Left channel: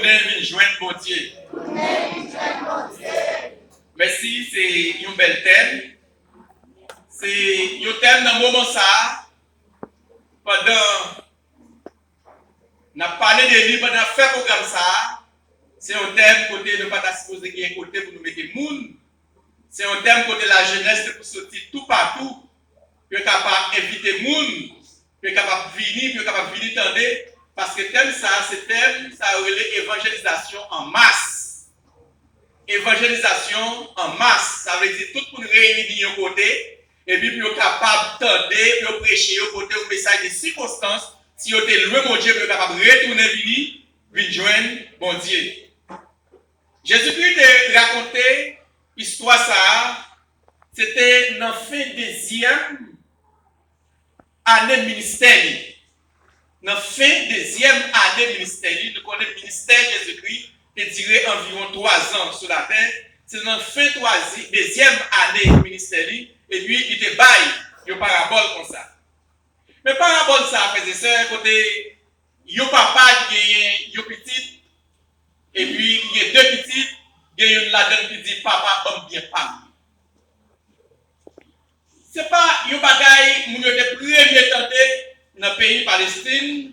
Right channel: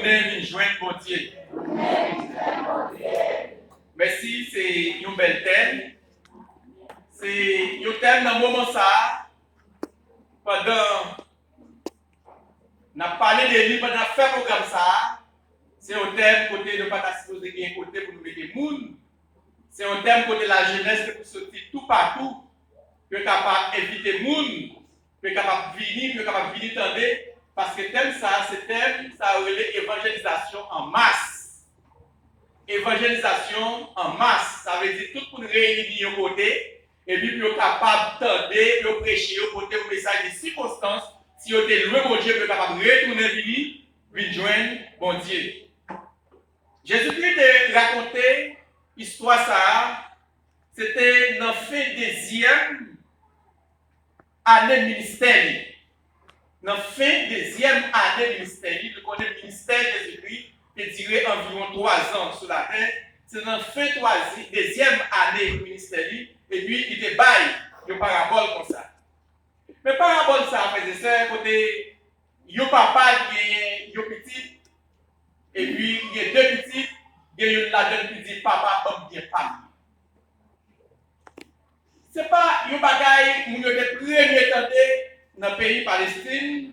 tourner, joindre bon Dieu. Merci, c'est un bel thème. C'est un thème dans le moment ça. Pendant on a parlé de lui, pendant faire programme ça. C'est un thème côté de pas supposé qu'il y ait un côté pour nous mettre des monde. C'est un thème côté la jeunesse pour sortir tout partout. Pour capable inviter des monde, pour capable venir, pour capable venir tendre. Parce que thème ça, c'est thème ça relève évangélisation en masse. Évangélisation en masse, ça veut dire tout le monde réunir au côté. Et puis, vous êtes capable d'entendre, de prêcher au côté un message de circonstance. Si vous êtes loin, mon Dieu, vous êtes capable de retourner, venir joindre mon Dieu. Jésus-Christ a raconté l'histoire ça. C'était dans la fin deuxième année de ministère. Dans la fin deuxième année de ministère, nous connaissons le ministère de Jésus-Christ qui durait environ 3 ans sur la terre. C'est dans la fin deuxième année de ministère. Et puis, il te baille une parabole comme ça. Mais parabole ça, frères et sœurs, côté, il y a papa qui est petit, et puis il y a 2 petits, il y a une là-dedans qui dit papa, bon bien pas. C'est pas un bagaille, nous avons premier tenté dans le pays Palestine,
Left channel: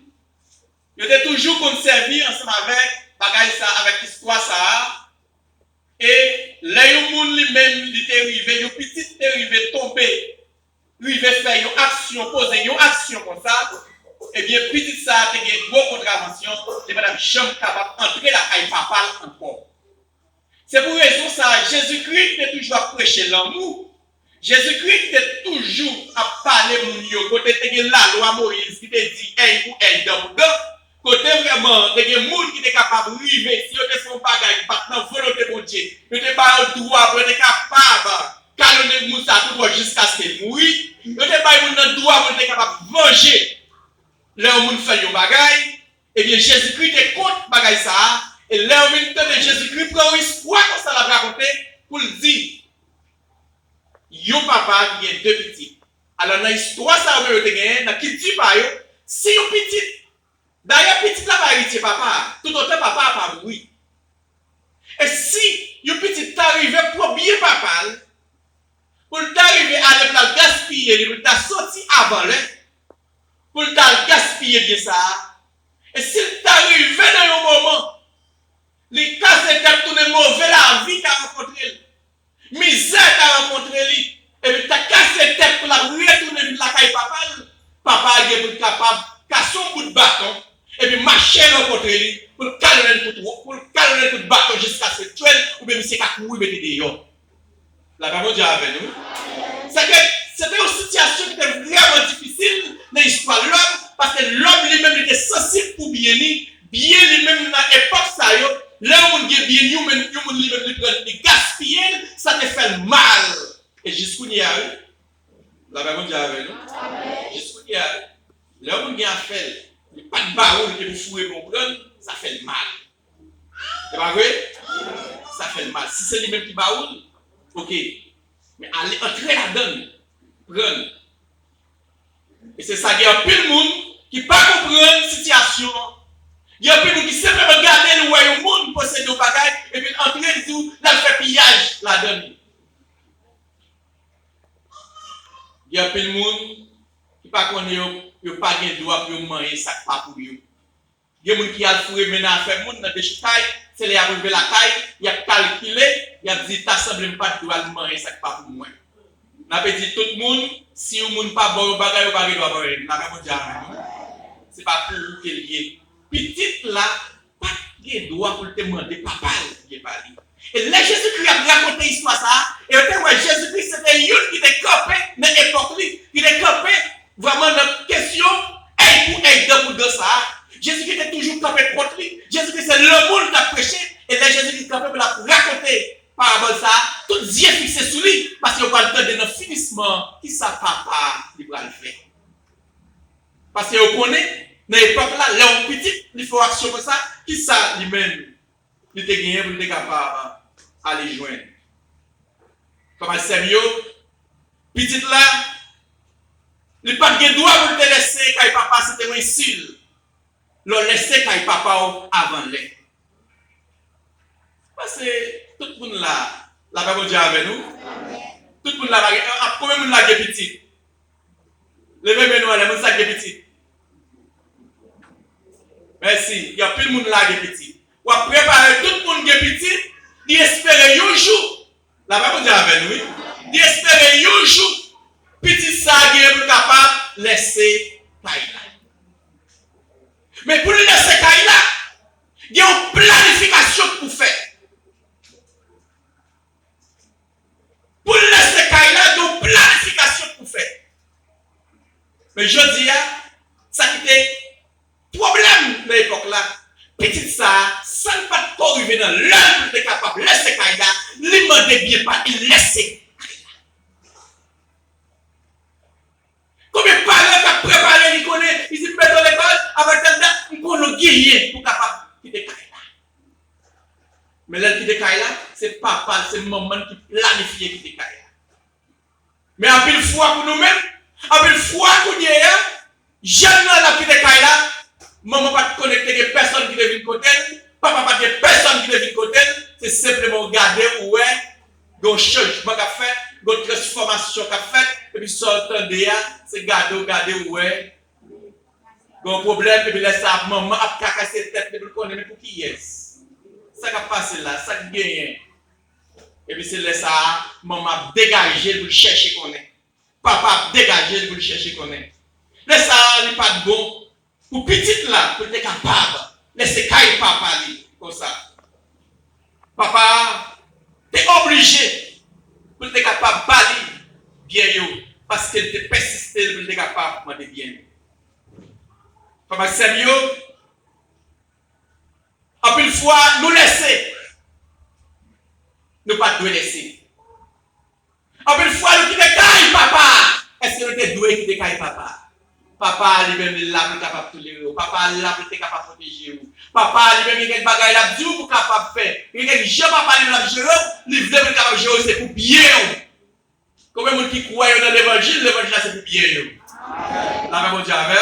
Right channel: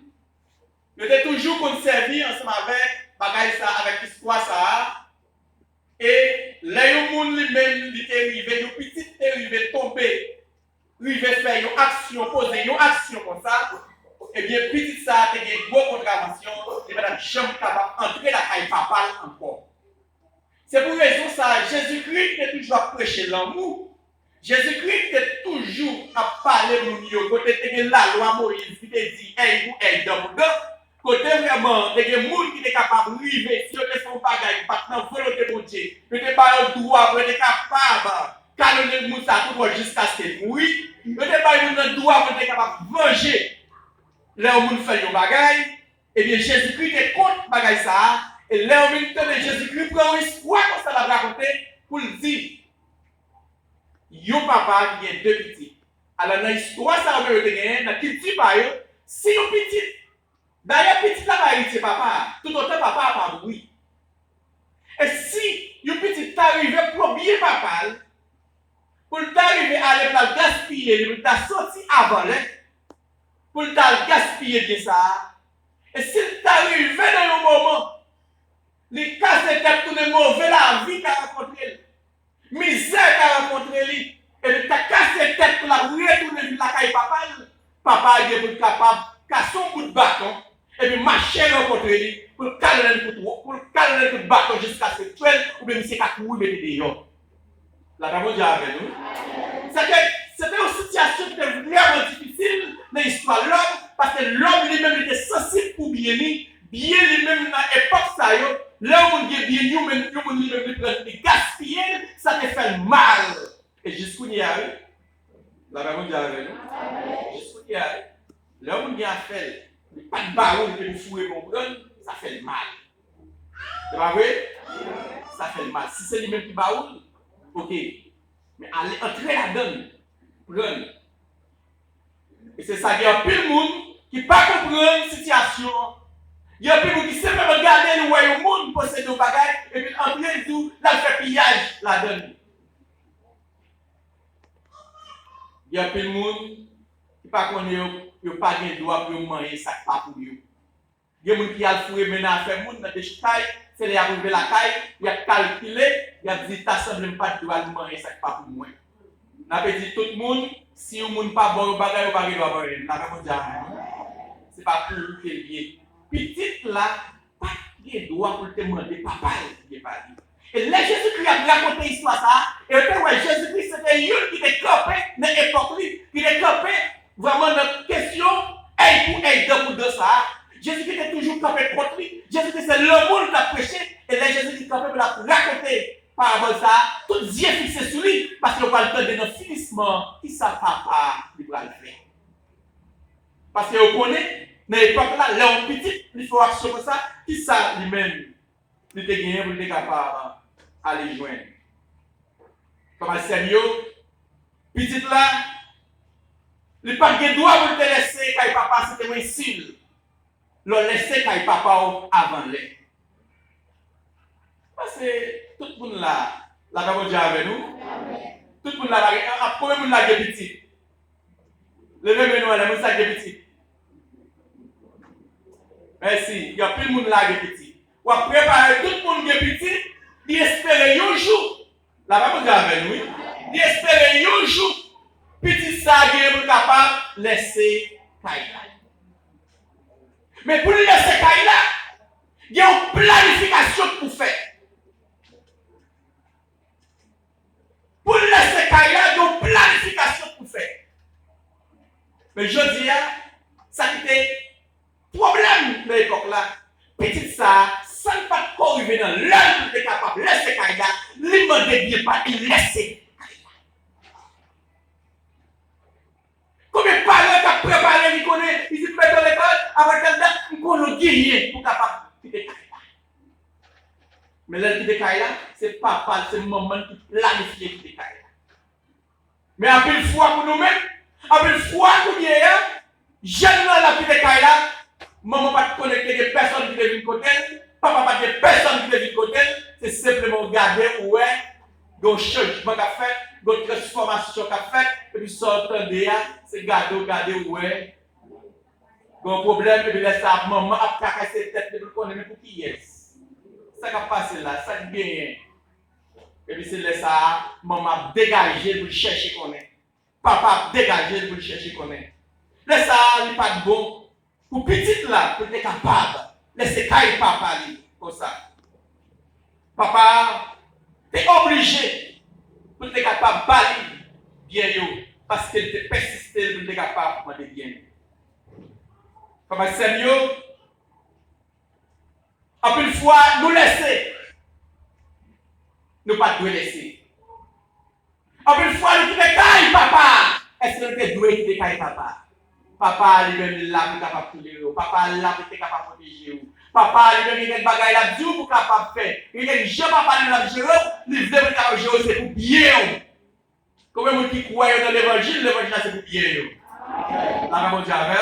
nous avons toujours conservé ensemble avec bagaille ça, avec l'histoire ça. Et là, il y a lui-même, il est arrivé, il petit est arrivé tomber, il va faire une action, poser une action comme ça. Et bien, petit ça, il y a une grosse contravention, et madame jamais capable d'entrer la caille papale encore. C'est pour raison ça, Jésus-Christ est toujours à prêcher l'amour. Jésus-Christ est toujours à parler mon yo. Côté de la loi Moïse qui te dit, hey, vous, hey, dans côté vraiment, il y a des gens qui sont capables de vivre, si vous êtes son bagage, pas dans la volonté de Dieu, vous n'êtes pas le droit, vous êtes capable de calmer les gens jusqu'à ce qu'ils mourent, vous n'êtes pas le droit, vous êtes capable de manger. Là où vous faites un bagage, et bien Jésus-Christ est contre le bagage ça, et là où vous de Jésus-Christ prend une histoire comme ça l'a raconté, pour le dire, yon papa qui a 2 petits. Alors dans l'histoire ça, vous avez gagné, dans qui dit pas, si yon petit, d'ailleurs, petit là va hériter papa. Tout autant papa a pas bruit. Et si un petit t'arrive pour bien papa, pour t'arriver à le gaspiller, pour t'a sorti avant là, pour t'a gaspiller bien ça. Et s'il t'arrive dans un moment, les casse tête tourner mauvais la vie qu'a rencontré, misère qu'a rencontré lui, et puis t'as cassé tête pour la retourner la caille papa, papa est pour capable casser son bout de bâton. Et puis marcher rencontrer lui pour calmer le coup de bâton jusqu'à ce que tu ou bien c'est qu'à courir mettre dehors. La parole Dieu avec nous. C'est que c'était une situation qui était vraiment difficile dans l'histoire de l'homme parce que l'homme lui-même était sensible pour bien lui-même dans l'époque ça l'homme qui est bien lui-même lui gaspiller ça te fait mal. Et jusqu'où il y a eu la parole Dieu avec nous. Jusqu'où il y a eu l'homme qui a fait pas de baroud qui vous fouez mon bron, ça fait le mal. C'est pas vrai? Ça fait le mal. Si c'est lui-même qui baroud, ok. Mais allez entrer là-dedans, prendre. Et c'est ça, il y a plus de monde qui ne peut pas comprendre la situation. Il y a plus de monde qui simplement regarder le royaume monde posséder des bagages et puis entrer tout, là, il fait pillage là-dedans. Il y a plus de monde qui ne pas connaît. Yo pas gen droit pour manger ça pas pour yo. Il y a des gens qui a fourré maintenant faire monde dans des cailles, c'est les arriver la caille, il a calculé, il a dit ta semble pas droit de manger ça pas pour moi. N'a pas dit tout le monde si un monde pas bon bagage pas droit manger. N'a pas dit c'est pas pour que lié. Petite là pas gen droit pour te demander papa qui pas dit. Et là Jésus-Christ a raconté histoire ça et ouais Jésus-Christ c'était un qui était campé dans l'époque qui était campé vraiment notre question, hey pour aider dans ça. Jésus-Christ était toujours campé contre lui. Jésus-Christ c'est le monde qui a prêché. Et là Jésus-Christ est campé pour la raconter par rapport à ça. Tout Dieu fixé sur lui. Parce qu'il va le temps de notre finissement. Qui ça papa il va le faire. Parce qu'on connaît, dans l'époque là, l'homme petit, il faut action comme ça. Qui ça lui-même, il était gagné pour être capable d'aller joindre. Comment sérieux, petit là, il n'a pas de droit pour te laisser quand papa c'était un style. Le laisser quand papa avant l'air. Parce que tout le monde là, la parole de Dieu avec nous. Tout le monde là, combien de monde là qui est petit? Levez-moi nous, les gens qui est petit. Merci. Il y a plus de monde là qui est petit. On va préparer tout le monde qui est petit, d'espérer un jour. La parole de Dieu avec nous. D'espérer un jour, petit ça qui est capable de laisser Kaila. Mais pour laisser Kaila, il y a une planification pour faire. Pour laisser Kaila, il y a une planification pour faire. Mais je dis, ça qui était problème de l'époque là. Petit ça, ça ne pas arriver dans l'heure pour être capable de laisser Kaila, lui demander bien pas, il laisser Kaila. Combien de parents qui ont préparé, ils connaissent, ils se mettent dans l'école, avec telle date, ils connaissent guerrier pour capable de quitter Kaila. Mais là, quitter Kaila, c'est papa, c'est maman qui planifie quitter Kaila. Mais en pile fois pour nous-mêmes, en pile fois pour nous, jeune la quitter Kaila, maman pas connecter avec personne qui devient côté, papa pas de personne qui devient côté, c'est simplement regarder où est, un changement qu'a fait, une transformation qu'a fait, et puis sortir de là, c'est regarder où est, un problème, et puis laisser ça, maman a cassé tête, et puis connaître pour qui est. Ça qui a passé là, ça qui gagne. Et puis c'est laisser ça, maman dégager pour chercher qu'on est. Papa dégager pour chercher qu'on est. Laisse ça, il n'est pas de bon. Pour petit là, pour être capable, laissez cailler papa comme ça. Papa, tu es obligé pour être capable de parler bien, parce qu'il te persiste pour être capable de bien. Papa, c'est mieux. Après une fois, nous laisser. Nous pas doué laisser. Après une fois, nous quitter caille papa. Est-ce que nous sommes doués quitter caille papa? Papa, lui-même, il est capable de tout. Papa, il est capable de protéger. Papa, lui-même, il est capable de tout capable de faire. Il est je papa, il est gérer. Il est capable de gérer, c'est pour bien. Combien de gens qui croient dans l'évangile c'est pour bien. La même chose avec